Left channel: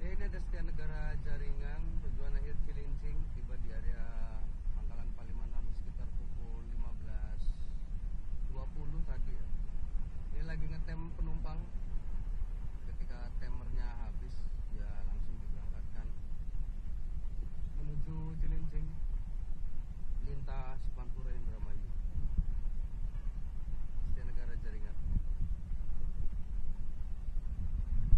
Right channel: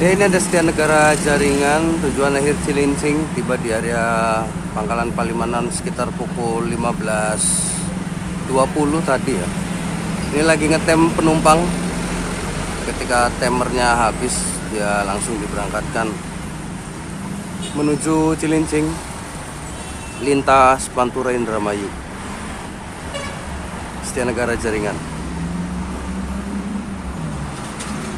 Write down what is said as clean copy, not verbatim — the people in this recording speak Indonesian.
Ya, ini ada Setia Negara Jaringan, tujuan akhir Cilincing, tiba di area Pangkalan Palimanan sekitar pukul 15.20 tadi ya. Ini lagi ngetem penumpang. Ketika timernya habis, dia langsung diberangkatkan menuju Cilincing, lintas Pantura Indramayu. Setia Negara Jaringan.